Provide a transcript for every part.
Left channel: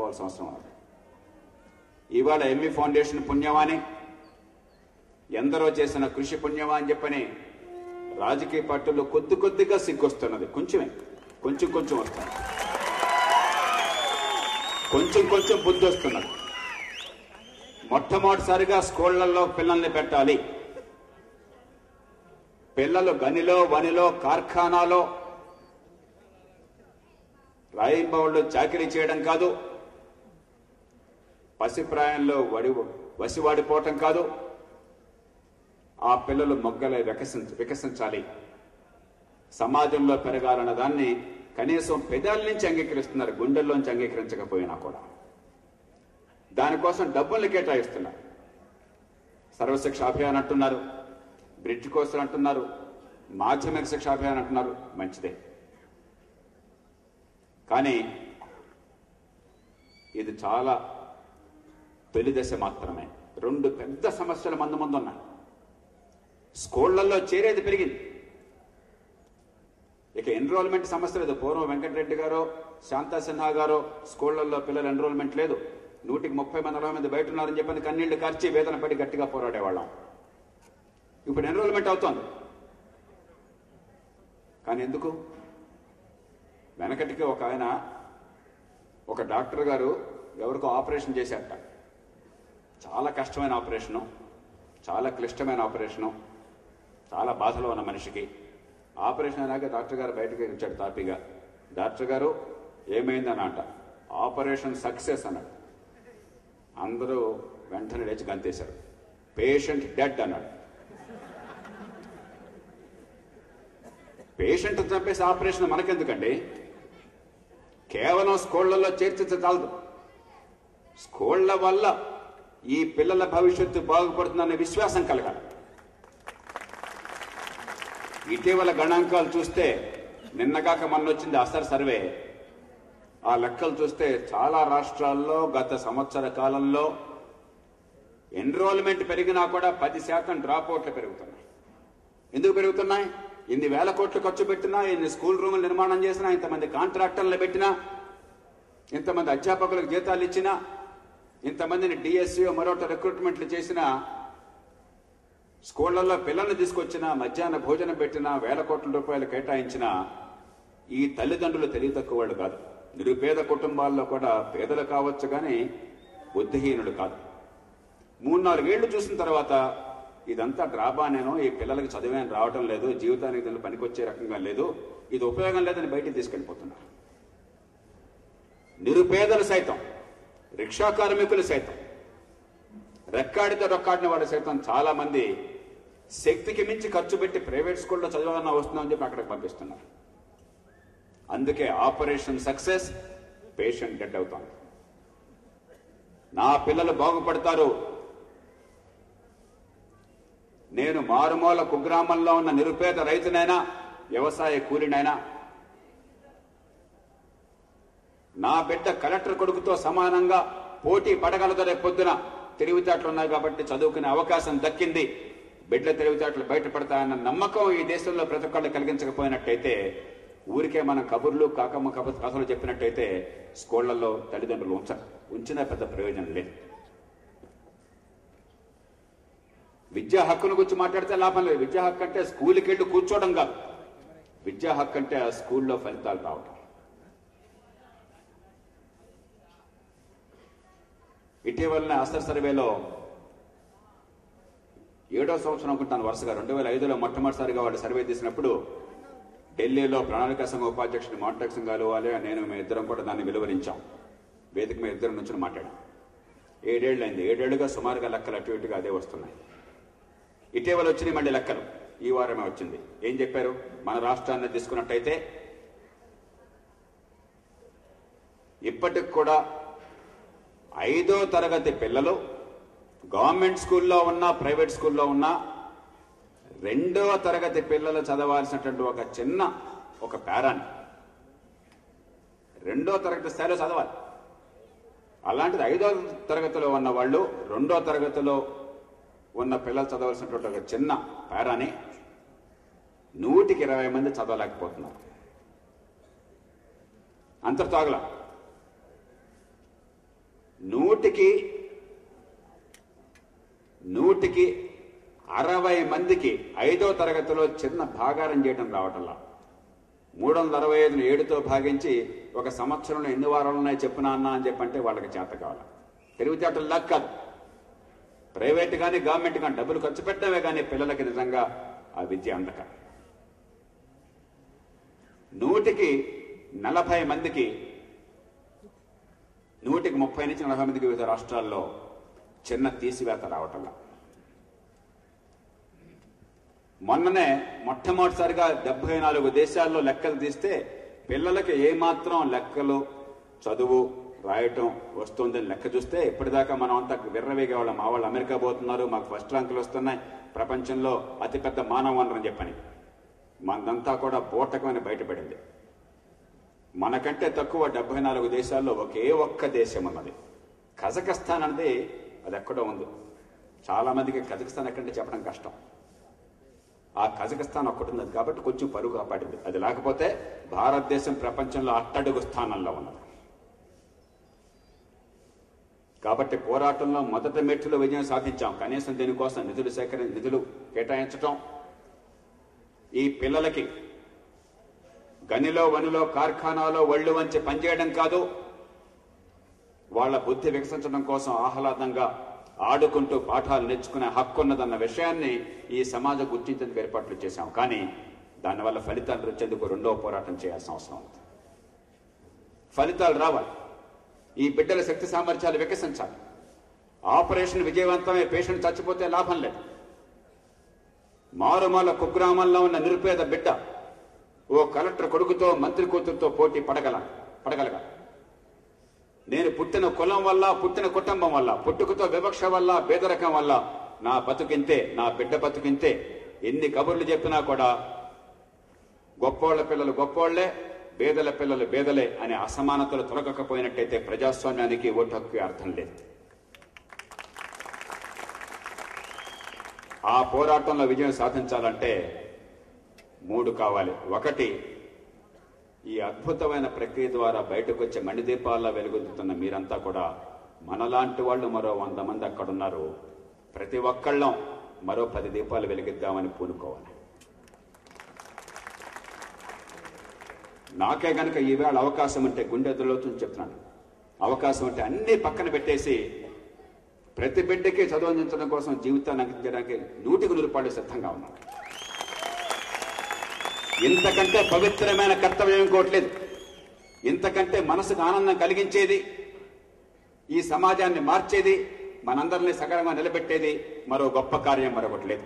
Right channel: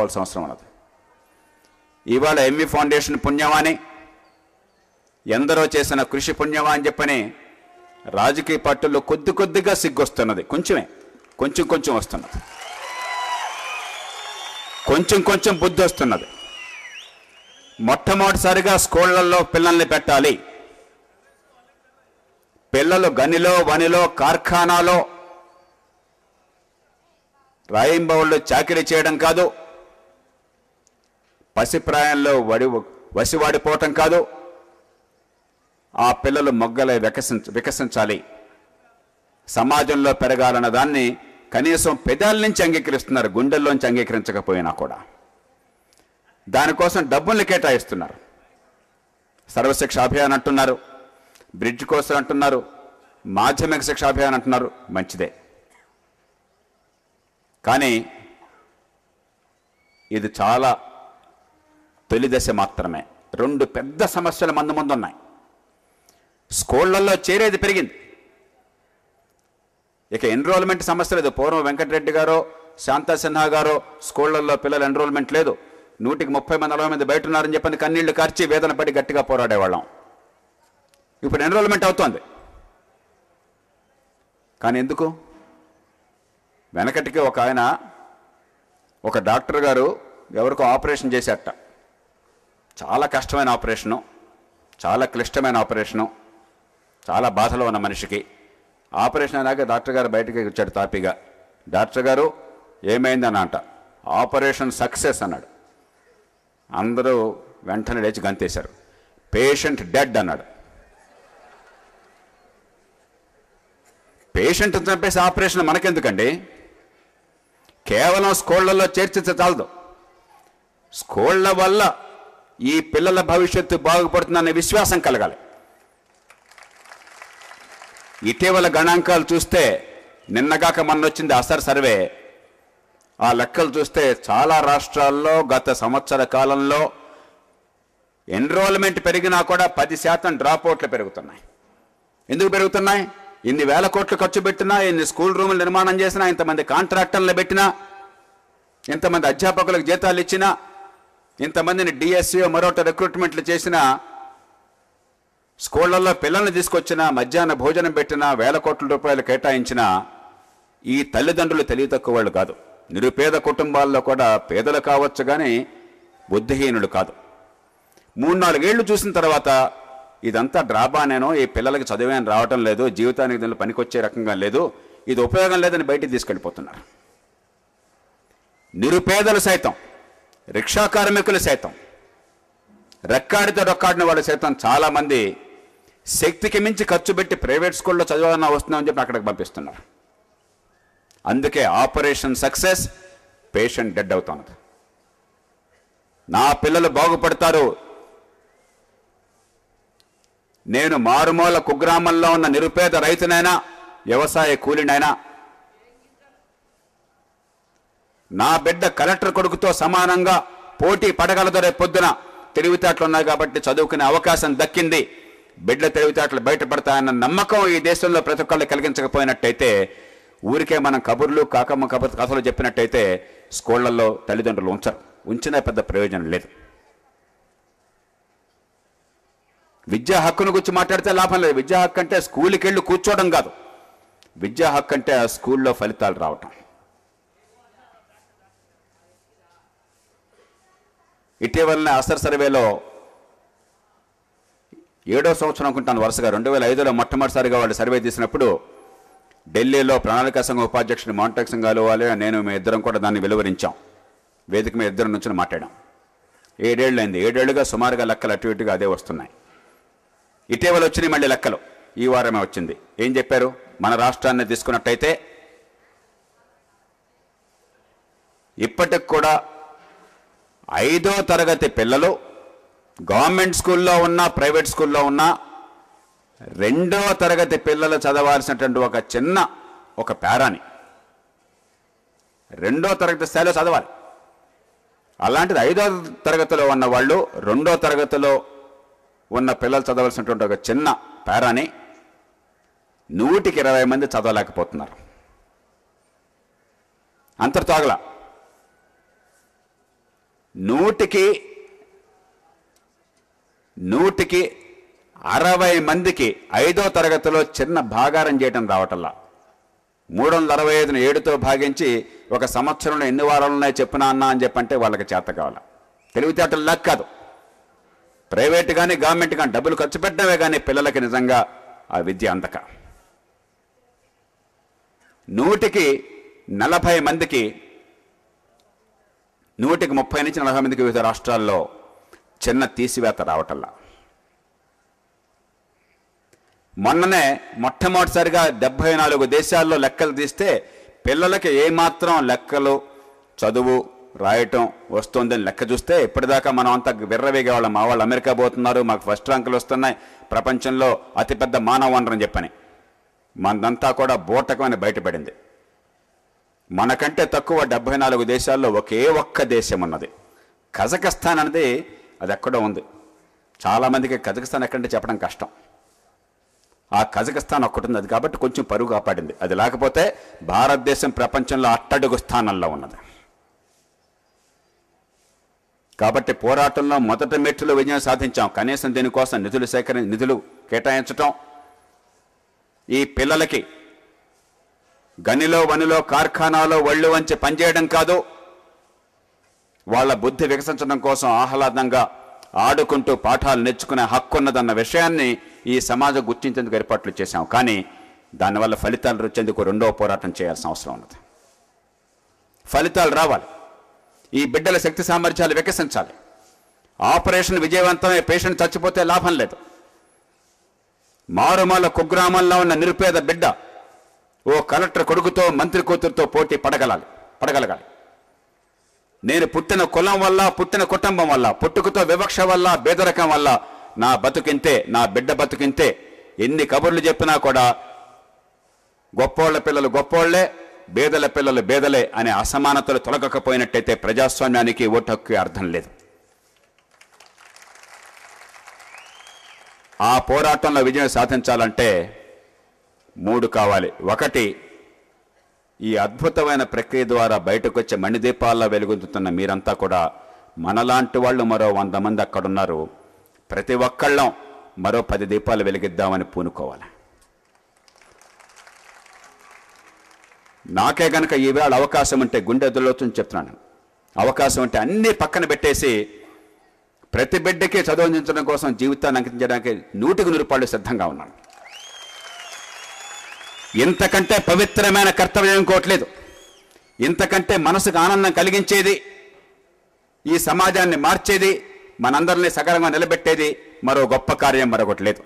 అవసరం ఉన్నది. ఇవాళ ఎంఈ ఫౌండేషన్ పుణ్యమాని ఎందరో చేసిన కృషి పుణ్యమా అని చెప్పని రాజకీయ పార్టీల్లో కొద్దిగా సిగ్గొస్తున్నది. కొంచెం వస్తున్నది, కొంచెం బుద్ధి వస్తున్నది. మొట్టమొదటిసారిగా స్కూళ్లలో పిల్లల్ని పెట్టాలి. పిల్లలు గనిలో వనిలో కార్ఖానాలో రాయింబవళ్ళు చాకిరీ చేయడం కాదు, పసిప్రాయంలో వసివాడిపోవటం కాదు, ఆ పిల్లలు మొగ్గలై వికసించాలి, సమాజంలో పెరగాలన్న దాన్ని కనీసం పెదాల నుంచి అంగీకరిస్తున్నారు, గుండెల్లోంచి అంగీకరించకపోయినా కూడా. దానికోసం డబ్బుల్ని కేటాయిస్తున్నారు. సర్వశిక్ష అభియాన్ అంటున్నారు, బ్రిడ్జ్ కోసం అంటున్నారు, మాధ్యమిక శిక్ష అభియాన్ అంటున్నారు. మంచిదే, కానీ ఇది చాలా తొలి దశ మాత్రమే. రెండు పెద్ద సమస్యలు ముందు ఉన్నాయి. స్కూళ్లలో చేరేది పెరిగింది, ఇక ఎన్రోల్మెంట్ సమస్య లేదు. పూర్వం వెంకటరెడ్డి గారో శాంతా సిన్హా గారో స్కూళ్లలో పిల్లల ఎన్రోల్మెంట్ లేదు, 100కి 30 మంది 40 మంది బయట ఉన్నారని చెప్పని కన్నీళ్లు కార్చి వేదన పడి గట్టిగా పోరాడేవాళ్ళం. ఇప్పుడు ఎన్రోల్మెంట్ అవుతోంది, కానీ ఎందుకు? వెనకటికి ఒక డాక్టర్ గారు ఎవరికో ఆపరేషన్ చేశారట. చాలా కష్టమైన ఆపరేషను, చాలా క్లిష్టమైన ఆపరేషను, చాలా బాధలో ఉన్న మనిషికి. ఆపరేషన్ అయినాక డాక్టర్ గారు బయటకి వచ్చాడు తాపీగా. డాక్టర్ గారు ఏమైందని అంట. ఆపరేషన్ సక్సెస్ అన్నాడు. అందరూ వెంటనే లేచి గంతేశారు. పేషెంట్ డెడ్ అన్నాడు. పేషెంట్ చంపేసి ఆపరేషన్ మనకెందుకండి? కేవలం స్కూళ్లలో చేర్చితే చాలదు. స్కూళ్ల వల్ల ఈ పిల్లల భవిష్యత్తు బాగుపడుతుందనే విశ్వాసం కలగాలి. ఇటీవల గణాంకాలు చూస్తే, నిన్నగాక మొన్నొచ్చింది అసర్ సర్వే, ఆ లెక్కలు చూస్తే చాలా రాష్ట్రాల్లో గత సంవత్సర కాలంలో ఎన్రోల్మెంట్ పెరిగినా కూడా 10% డ్రాప్అవుట్లు పెరుగుతున్నాయి. ఎందుకు పెరుగుతున్నాయి? ఇన్ని వేల కోట్లు ఖర్చు పెట్టినా, ఇన్ని స్కూల్ రూములు నిర్మాణం చేసినా, ఇంతమంది కాంట్రాక్టర్లు పెట్టినా, ఇంతమంది అధ్యాపకులకు జీతాలు ఇచ్చినా, ఇంతమందిని డిఎస్సీ మరొకటి రిక్రూట్మెంట్లు చేసినా, స్కూళ్లలో పిల్లల్ని తీసుకొచ్చినా, మధ్యాహ్న భోజనం పెట్టినా, వేల కోట్ల రూపాయలు కేటాయించినా ఈ తల్లిదండ్రులు తెలివి తక్కువ వాళ్ళు కాదు. నిరుపేద కుటుంబాల్లో కూడా పేదలు కావచ్చు, కానీ బుద్ధిహీనుడు కాదు. 3-4 ఏళ్ళు చూసిన తర్వాత ఇదంతా డ్రాబానేనో, ఈ పిల్లలకి చదివేం రావటం లేదు, జీవితానికి దీనిలో పనికొచ్చే రకంగా లేదు, ఇది ఉపయోగం లేదని బయటికి తీసుకెళ్ళిపోతున్నారు. నిరుపేదలు సైతం, రిక్షా కార్మికులు సైతం, రెక్కాడితో రొక్కాడిన వాళ్ళు సైతం చాలామంది శక్తికి మించి ఖర్చు పెట్టి ప్రైవేట్ స్కూల్లో చదవాలన్నా వస్తున్నామని చెప్పి అక్కడికి పంపిస్తున్నారు. అందుకే ఆపరేషన్ సక్సెస్, పేషెంట్ డెడ్ అవుతుంది. నా పిల్లలు బాగుపడతారు, నేను మారుమూల కుగ్రామంలో ఉన్న నిరుపేద రైతునైనా, వ్యవసాయ కూలినైనా, నా బిడ్డ కలెక్టర్ కొడుకుతో సమానంగా పోటీ పడగలదు. రేపు పొద్దున తెలివితేటలు ఉన్నాయి కాబట్టి చదువుకునే అవకాశం దక్కింది, బిడ్డ తెలివితేటలు బయటపడతాయన్న నమ్మకం ఈ దేశంలో ప్రతి ఒక్కళ్ళు కలిగించకపోయినట్టయితే, ఊరికే మనం కబుర్లు కాకమ్మ కథలు చెప్పినట్టయితే స్కూళ్లలో తల్లిదండ్రులు ఉంచినా పెద్ద ప్రయోజనం లేదు. విద్యా హక్కుల గురించి మాట్లాడితే లాభం లేదు. విద్యా హక్కు అంటే స్కూల్కి వెళ్ళి కూర్చోవడం కాదు, విద్యా హక్కు అంటే ఆ స్కూల్లో ఫలితాలు రావటం. ఇటీవలనే అసర్ సర్వేలో 7వ సంవత్సరం అనుకుంటాను వరుసగా, 2005లో మొట్టమొదటిసారిగా వాళ్ళు సర్వే తీసినప్పుడు ఢిల్లీలో ప్రణాళికా సంఘం ఉపాధ్యక్షుడు మాంటెక్ సింఘాలు వాళ్ళే నేను మీ ఇద్దరం కూడా దాన్ని వెలువరించాం. వేదిక మీద ఇద్దరు నుంచి మాట్లాడాం. 7 ఏళ్ళు అయింది. 7 ఏళ్ళుగా సుమారుగా లెక్కలు అటు ఇటుగా అదే వస్తున్నాయి. ఇటీవల వచ్చినాయి మళ్ళీ లెక్కలు, ఈ వారమే వచ్చింది. ఏం చెప్పారు? మన రాష్ట్రాన్ని తీసుకున్నట్టయితే ఇప్పటికి కూడా 5వ తరగతి పిల్లలు గవర్నమెంట్ స్కూల్లో ఉన్నా, ప్రైవేట్ స్కూల్లో ఉన్నా, 2వ తరగతి పిల్లలు చదవాల్సినటువంటి ఒక పేరాని 2వ తరగతి స్థాయిలో చదవాలి. అలాంటిది 5వ తరగతిలో ఉన్న వాళ్ళు 2వ తరగతిలో ఉన్న పిల్లలు చదవాల్సినటువంటి ఒక చిన్న పేరాని 100కి 20 మంది చదవలేకపోతున్నారు. అంతర్తోగల నూటికి 60 మందికి 5వ తరగతిలో చిన్న భాగారం చేయటం రావటల్లా. 365ని 7తో భాగించి ఒక సంవత్సరంలో ఎన్ని వారాలున్నాయో చెప్పినా అన్నా అని చెప్పంటే వాళ్ళకి చేత కావాలి. తెలివితేటలు లెక్క కాదు. ప్రైవేట్ కానీ గవర్నమెంట్ కానీ డబ్బులు ఖర్చు పెట్టడమే కానీ పిల్లలకి నిజంగా ఆ విద్య అందక. 100కి 40 మందికి 100కి 30 నుంచి 40 మందికి వివిధ రాష్ట్రాల్లో చిన్న తీసివేత రావటల్లా. మొన్ననే మొట్టమొదటిసారిగా 74 దేశాల్లో లెక్కలు తీస్తే పిల్లలకి ఏమాత్రం లెక్కలు చదువు రాయటం వస్తుందని లెక్క చూస్తే ఇప్పటిదాకా మనం అంతా విర్రవేగేవాళ్ళం. మా వాళ్ళు అమెరికా పోతున్నారు, మాకు ఫస్ట్ ర్యాంకులు వస్తున్నాయి, ప్రపంచంలో అతిపెద్ద మానవ వనరని చెప్పని. మనదంతా కూడా బూటకమని బయటపడింది. మనకంటే తక్కువ 74 దేశాల్లో ఒకే ఒక్క దేశం ఉన్నది, కజకస్తాన్ అనేది. అది ఎక్కడో ఉంది. చాలామందికి కజకస్తాన్ ఎక్కడంటే చెప్పడం కష్టం. ఆ కజకస్తాన్ ఒక్కటి ఉంది. అది కాబట్టి కొంచెం పరుగు కాపాడింది. అది లేకపోతే భారతదేశం ప్రపంచంలో అట్టడుగు స్థానంలో ఉన్నది. కాబట్టి పోరాటంలో మొదటి మెట్టులో విజయం సాధించాం. కనీసం దీనికోసం నిధులు కేటాయించటం, ఈ పిల్లలకి గనిలో వనిలో కార్ఖానాలో ఒళ్ళు వంచి పనిచేయడం కాదు, వాళ్ళ బుద్ధి వికసించడం కోసం ఆహ్లాదంగా ఆడుకుంటూ పాఠాలు నేర్చుకునే హక్కు ఉన్నదన్న విషయాన్ని ఈ సమాజం గుర్తించేందుకు ఏర్పాట్లు చేశాం. కానీ దానివల్ల ఫలితాలు వచ్చేందుకు రెండవ పోరాటం చేయాల్సిన అవసరం ఉన్నది. ఫలితాలు రావాలి. ఈ బిడ్డల శక్తి సామర్థ్యాలు వికసించాలి. ఆపరేషన్ విజయవంతమై పేషెంట్ చచ్చిపోతే లాభం లేదు. మారుమూల కుగ్రామంలో ఉన్న నిరుపేద బిడ్డ ఓ కలెక్టర్ కొడుకుతో మంత్రి కూతురుతో పోటీ పడగలగాలి. నేను పుట్టిన కులం వల్ల, పుట్టిన కుటుంబం వల్ల, పుట్టుకతో వివక్ష వల్ల, పేదరికం వల్ల నా బతుకింతే, నా బిడ్డ బతుకింతే. ఎన్ని కబుర్లు చెప్పినా కూడా గొప్పోళ్ల పిల్లలు గొప్పోళ్లే, బేదల పిల్లలు బేదలే అనే అసమానతలు తొలగకపోయినట్టయితే ప్రజాస్వామ్యానికి ఓటు హక్కు అర్థం లేదు. ఆ పోరాటంలో విజయం సాధించాలంటే 3 కావాలి. 1, ఈ అద్భుతమైన ప్రక్రియ ద్వారా బయటకు వచ్చే మణిదీపాల్లో వెలుగొద్దుతున్న మీరంతా కూడా మనలాంటి వాళ్ళు మరో 100 మంది అక్కడున్నారు. ప్రతి ఒక్కళ్ళం మరో 10 దీపాలు వెలిగిద్దామని పూనుకోవాలి. నాకే కనుక ఈవేళ అవకాశం ఉంటే, గుండె ఎదురులోతుని చెప్తున్నాను, అవకాశం ఉంటే అన్నీ పక్కన పెట్టేసి ప్రతి బిడ్డకి చదువు అందించడం కోసం జీవితాన్ని అంకించడానికి 100% సిద్ధంగా ఉన్నాను. ఇంతకంటే పవిత్రమైన కర్తవ్యం ఇంకోట్లేదు. ఇంతకంటే మనసుకు ఆనందం కలిగించేది, ఈ సమాజాన్ని మార్చేది, మనందరినీ సకలంగా నిలబెట్టేది మరో గొప్ప కార్యం మరొకటి లేదు.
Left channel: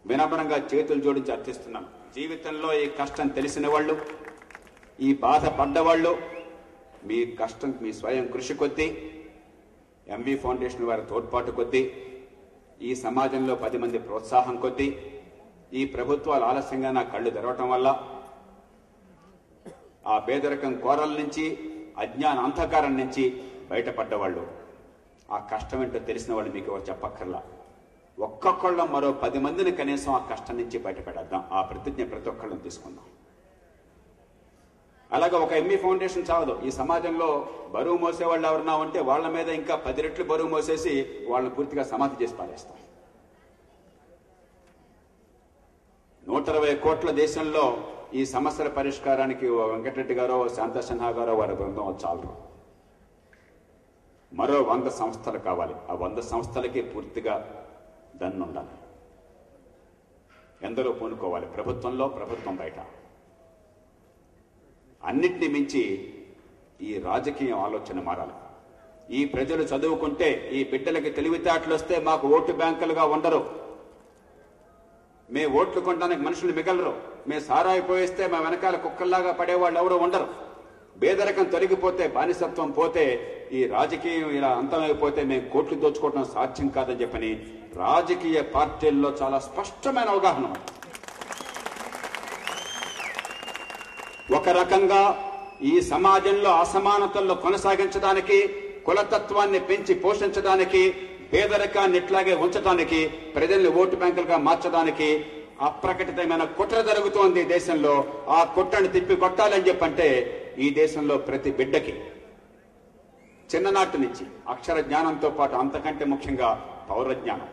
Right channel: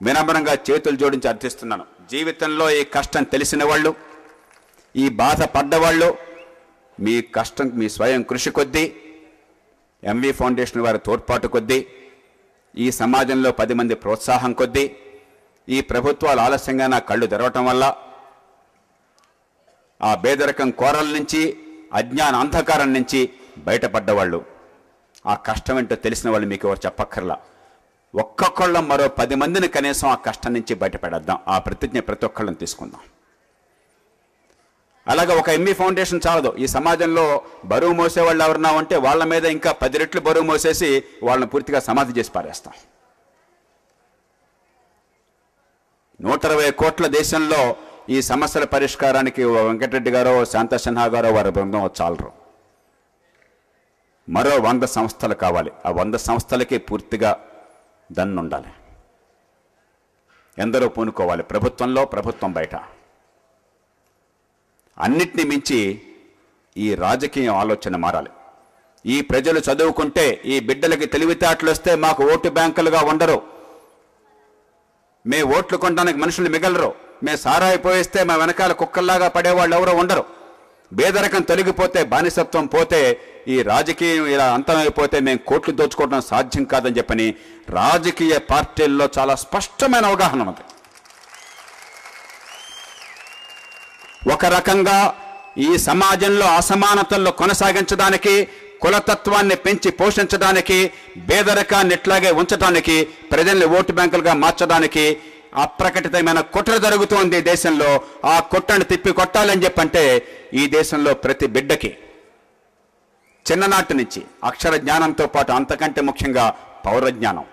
వినమ్రంగా చేతులు జోడించి అర్థిస్తున్నాను. జీవితంలో ఈ కష్టం తెలిసిన వాళ్ళు, ఈ బాధ పడ్డవాళ్ళు, మీ కష్టం మీ స్వయం కృషి కొద్దీ, ఎంవి ఫౌండేషన్ వారి తోడ్పాటు కొద్దీ, ఈ సమాజంలో 10 మంది ప్రోత్సాహం కొద్దీ, ఈ ప్రభుత్వాలు ఆలస్యంగా నా కళ్ళు తెరవటం వల్ల ఆ పేదరికం కోరల నుంచి, అజ్ఞాన అంధకారం నుంచి బయటపడ్డవాళ్ళు, ఆ కష్టం ఏంటో తెలిసిన వాళ్ళు మీకు ఎవరు చెప్పక్కర్లా. ఒక్కొక్కళ్ళం మరో 10 మందిని కనీసం ఆ కష్టం నుంచి బయటపడేద్దాం. ఆ ప్రతిజ్ఞ ప్రతి ఒక్కళ్ళని తీసుకుందాం. అలాగే ఒక ఎంఈ ఫౌండేషన్ చాలదు. ఈ సమాజంలో బరువు మోసేవాళ్ళు ఎవరన్నా ఉంటే వాళ్ళ మీద ఇంకా 10 రెట్లు బరువు మోసేసి వాళ్ళని పూర్తిగా సమాధి చేసి పారేస్తాం. 120 కోట్ల దేశంలో ఈ సమస్యల పరిష్కారానికి వెంకటరెడ్డి గారో, శాంత సిన్హా గారో, వారి బృందం చాలరు. మరో 100 సంస్థలు కావాలి. ఆ 100 సంస్థలకి పూర్తిగా దన్నుండాలి. ఎందరో పూనుకోవాలి. ప్రభుత్వంలో, ప్రభుత్వం బయట. అన్నిటినీ మించి ఈ రాజకీయ ఆలోచన మారాలి. ఈ ప్రజలు చదువుకుంటే, ఈ బిడ్డలకి తెలివితేటలు వస్తే మాకు ఓటు బ్యాంకులుగా ఉండరు. మే ఓట్లు కొనడానికి మనుషులు మిగలరు. మే సారాయి పోయిస్తే మా వెనకాల కుక్కల్లాగా పడేవాళ్ళు ఎవరో ఉండరు. పేదరికం తొలగిపోతే, బానిసత్వం పోతే, ఈ రాజకీయం ఇలా అంతమైపోతే మేము కోట్లు దోచుకోవడం సాధ్యం కాదని చెప్పని రాజకీయ పార్టీల్లో చాలా స్పష్టమైన అవగాహన ఉంది. ఒక రకంగా ఈ సమాజంలో అసమానతల్లో కొనసాగించడానికి, కులతత్వాన్ని పెంచి పోషించడానికి, పేదరికాన్ని ఇట్లాగే ఉంచడానికి, ప్రజల్ని ఓటు బ్యాంకులుగా మార్చడానికి అప్రకటితమైన కుట్ర జరుగుతోంది దేశంలో. ఆ కుట్రను తిప్పి కొట్టాలని చెప్పంటే ఈ దేశంలో ప్రతి బిడ్డకి చిన్ననాటి నుంచి అక్షర జ్ఞానంతో పాటు అంతకంటే ముఖ్యంగా పౌరజ్ఞానం.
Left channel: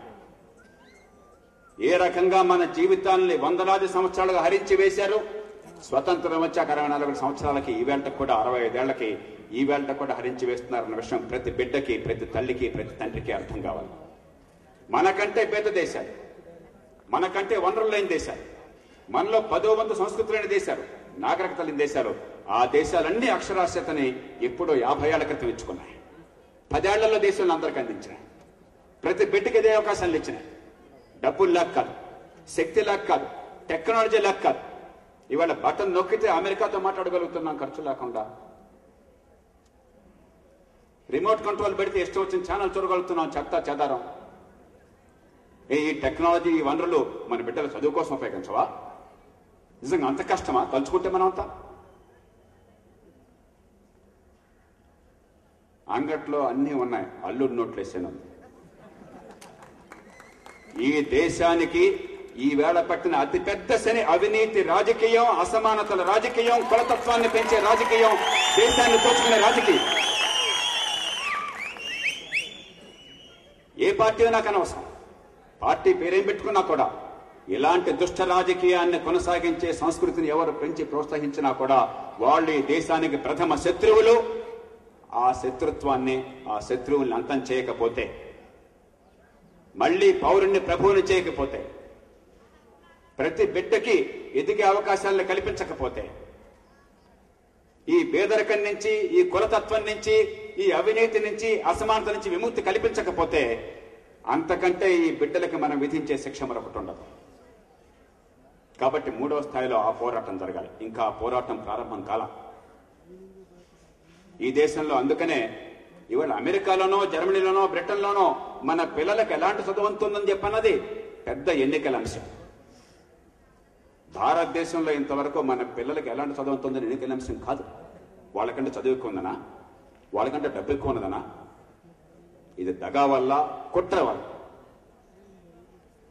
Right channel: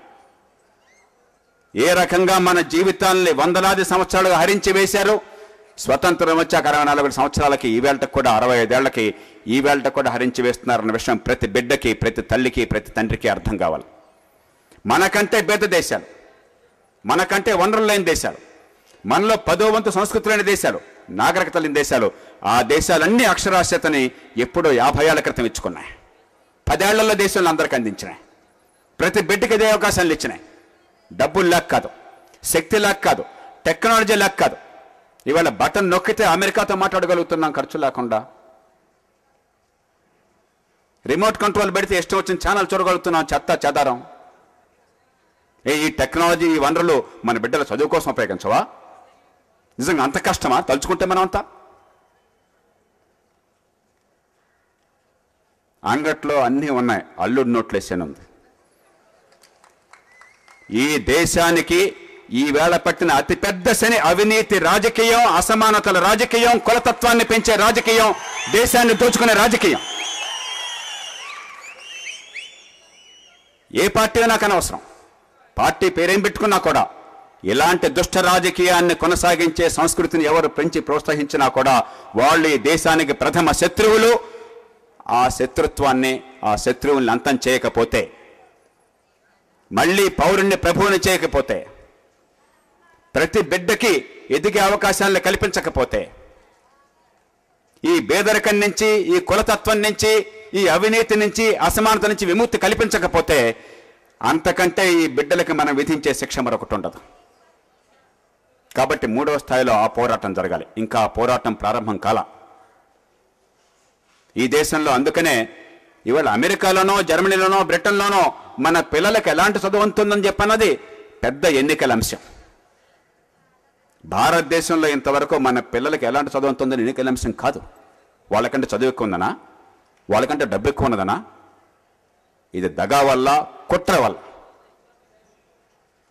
ఏ రకంగా మన జీవితాల్ని వందలాది సంవత్సరాలుగా హరించి వేశారు. స్వతంత్రం వచ్చాక 64 సంవత్సరాలకి ఈవేళకు కూడా 65 ఏళ్లకి ఈవేళకు కూడా హరించి వేస్తున్నారన్న విషయం ప్రతి బిడ్డకి, ప్రతి తల్లికి, ప్రతి తండ్రికి అర్థం కావాలి. మనకంటే పెద్ద దేశాలు, మనకంటే వనరులు లేని దేశాలు, మనలో 10వ వంతు సంస్కృతి లేని దేశాలు, నాగరికత లేని దేశాలు, ఆ దేశాలన్నీ అక్షరాస్యతని ఎప్పుడో 50 ఏళ్ల క్రితం ఇచ్చుకున్నాయి. 10 ఏళ్లలో దేశాలను అందరికీ అందించినాయి. ప్రతి బిడ్డకి ఇదే అవకాశాలు ఇచ్చినాయి. డబ్బులు లేక కాదు, శక్తి లేక కాదు, టెక్నాలజీ లేక కాదు. ఇవాళ బటన్ నొక్కితే అమెరికాతో మాట్లాడగలుగుతున్నాం ఖర్చు లేకుండా. రిమోట్ కంట్రోల్ పెడితే ఇష్టం వచ్చిన ఛానల్ చూడగలుగుతున్నాం చెత్త చెదారం. ఈ టెక్నాలజీ, ఈ వనరులు మన బిడ్డల చదువు కోసం ఉపయోగించవా? నిజంగా అంత కష్టమా తలుచుకుంటే మనం అంతా? అంగట్లో అన్నీ ఉన్నాయి, అల్లుడు నోట్లేసాను ఉంది. ఈ దేశానికి ఈ వేళ పట్టిన అతిపెద్ద శని అవినీతి రాజకీయం, అసమానతల రాజకీయం, కులతత్వాన్ని పెంచే రాజకీయం, దేశాన్ని దోచుకునే రాజకీయం. ఏ పార్టీ నాకు అనవసరం, పార్టీ పేరేం పెట్టుకున్నా కూడా ఇలాంటి దుష్ట రాజకీయాన్ని కొనసాగించే సంస్కృతిని ఎవరు పెంచి ప్రోత్సహించినా కూడా వాళ్ళు ఈ దేశానికి ప్రథమ శత్రువులు. ఆ శత్రుత్వాన్ని, ఆ శత్రువుల్ని అంతం చేయకపోతే, మళ్ళీ పౌరుణ్ణి ప్రభువుని చేయకపోతే, ప్రతి బిడ్డకి ఎదిగే అవకాశాలను కల్పించకపోతే, ఈ పేదరికం నుంచి, ఈ కులతత్వం నుంచి, ఈ అవినీతి నుంచి, అసమానత నుంచి విముక్తి కల్పించకపోతే అంతకంటే ఈ బిడ్డలకి మనం విధించే శిక్ష మరొకటి ఉండదు. కాబట్టి 3వ స్థాయిలో ఆ పోరాటం జరగాలి. ఇంకా ఆ పోరాటం ప్రారంభం కాల ఈ దేశంలో. అందుకనే ఇవాళ అమెరికాలోనో, జర్మనీలోనో, బ్రిటన్లోనో మన పిల్లలకు ఎలాంటి చదువు ఉంటుందని చెప్పన్నది పెద్ద ఎన్నికల అంశం. భారతదేశంలో ఇంతవరకు మన పిల్లలకి ఎలాంటి చదువు ఉంటుందని ఎన్నికల అంశం కాదు. వాళ్ళకంటే చదువు ఎక్కువ ఉందనా, వాళ్ళకంటే డబ్బు ఎక్కువ ఉన్నదనా? ఇది దగా వల్ల, కుట్ర వల్ల.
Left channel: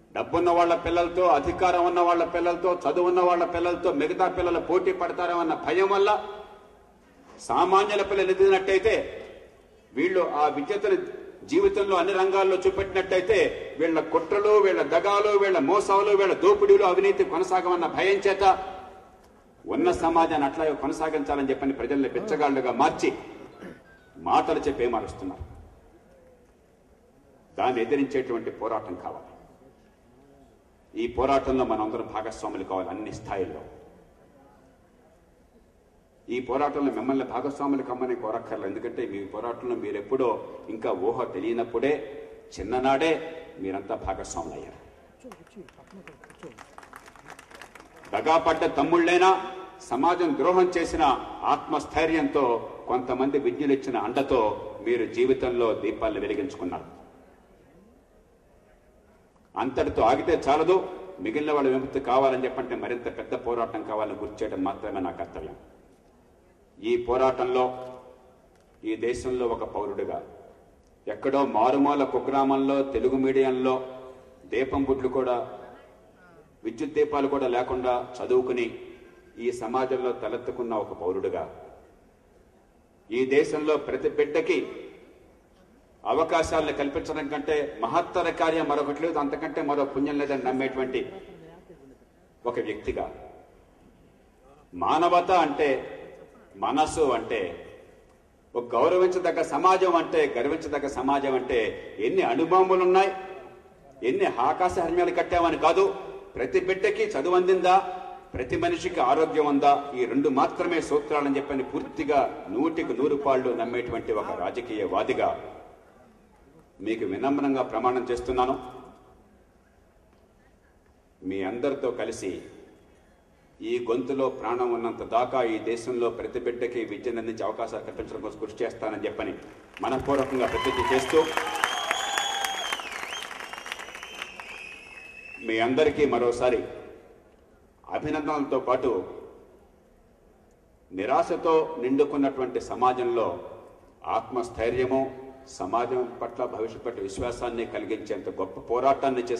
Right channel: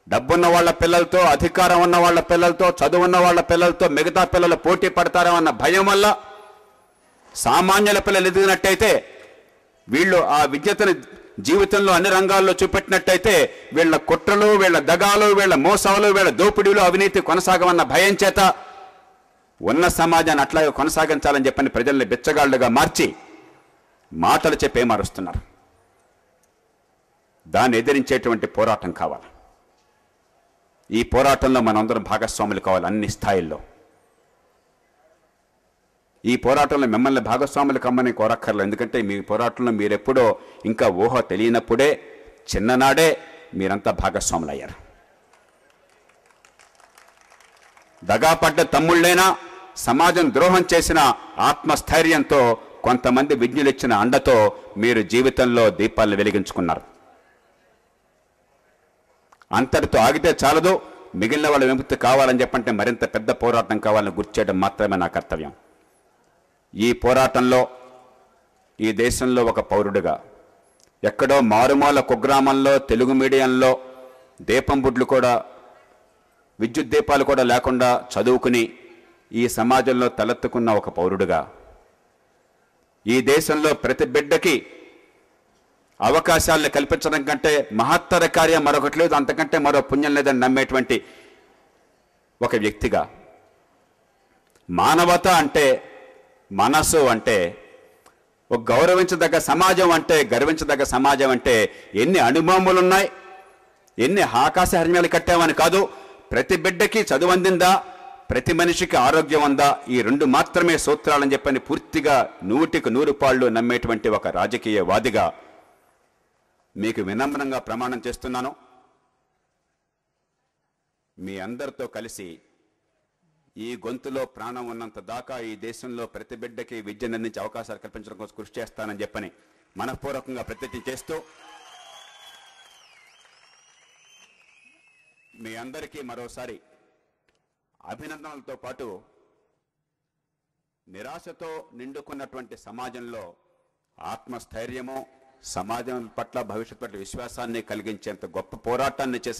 డబ్బున్న వాళ్ళ పిల్లలతో, అధికారం ఉన్న వాళ్ళ పిల్లలతో, చదువున్న వాళ్ళ పిల్లలతో మిగతా పిల్లలు పోటీ పడతారన్న భయం వల్ల సామాన్యుల పిల్లలు ఎదిగినట్టయితే, వీళ్ళు ఆ విద్యతను జీవితంలో అన్ని రంగాల్లో చూపెట్టినట్టయితే వీళ్ళ కుట్రలు, వీళ్ళ దగాలు, వీళ్ళ మోసాలు, వీళ్ళ దోపిడీలు, అవినీతి కొనసాగమన్న భయం చేత ఉన్న సమాజాన్ని అట్లాగే కొనసాగించాలని చెప్పని ప్రజల్ని బిచ్చగాళ్లుగా మార్చి మాటలు చెప్పే మారుస్తున్నారు. దాన్ని ఎదిరించేటువంటి పోరాటం కావాలి. ఈ పోరాటంలో మనందరం భాగస్వాములు కావాలి అన్ని స్థాయిల్లో. ఈ పోరాటంలో మిమ్మల్ని భాగస్వాములు కమ్మని కోరక్కర్లేదు. ఎందుకంటే మీ పోరాటంలో మీరెప్పుడో ఇంకా ఊహ తెలియనప్పుడే, చిన్ననాడే మీరంతా భాగస్వాములు అయ్యారు. దగాపడ్డ తమ్ముళ్ళైనా, సమాజం ద్రోహం చేసిన ఆత్మస్థైర్యంతో, కొంతమంది విజ్ఞులిచ్చిన అండతో మీరు జీవితంలో దీపాలను వెలిగించుకున్నారు. అంతటితో ఆగితే చాలదు, మిగిలిన వాళ్ళ విముక్తి కావాలని చెప్పంటే మరింత పెద్ద పోరాటం కావాలని గుర్తు చేయడం మాత్రమే నా కర్తవ్యం. ఈ పోరాటంలో ఈ దేశంలో ఒక పౌరుడిగా, ఎక్కడో మారుమూల కుగ్రామంలో తెలుగు మీడియంలో దీపం బుడ్లు కూడా, విద్యుత్ దీపాలు కూడా లేకుండా చదువుకుని ఈ సమాజంలో తలెత్తుకున్న ఒక పౌరుడిగా, ఈ దేశంలో ప్రతి బిడ్డకి అవకాశాలను కల్పించడం కంటే మహత్తర కార్యం మరొకటి లేదు, అంతకంటే మరో పుణ్యం లేదని నమ్మేటువంటి ఒక వ్యక్తిగా, మానవత అంటే, మనసు అంటే, ఒక గౌరవించదగ్గ సమాజం అంటే, గర్వించదగ్గ సమాజం అంటే ఎన్ని అణుబాంబులు ఉన్నాయి, ఎన్ని ఆకాశ హర్మ్యాలు కట్టామని కాదు, ప్రతి బిడ్డకి చదువు అందిందా, ప్రతి మనిషికి ఆరోగ్యం ఉందా, ఈ 2 మాత్రమే సూత్రాలని చెప్పని పూర్తిగా 100కి 100 పాళ్ళు నమ్మేటువంటి ఒక రాజకీయవాదిగా మీకు వినమ్రంగా ప్రమాణం చేస్తున్నాను. మీ అందరితో కలిసి ఈ గొంతులో ప్రాణం ఉన్నంత దాకా ఈ దేశంలో ప్రతి బిడ్డకి విద్యను అందించే అవకాశాలు కల్పించడం కోసం కృషి చేస్తానని చెప్పని మనపూర్వకంగా ప్రతిజ్ఞ చేస్తూ, మీ అందరికీ మరోసారి అభినందనలతో పాటు నిరాశతో నిండుకున్నటువంటి సమాజంలో ఆత్మస్థైర్యము, సమాజం పట్ల భవిష్యత్తు విశ్వాసాన్ని కలిగించేంత గొప్ప పోరాటాన్ని చేసి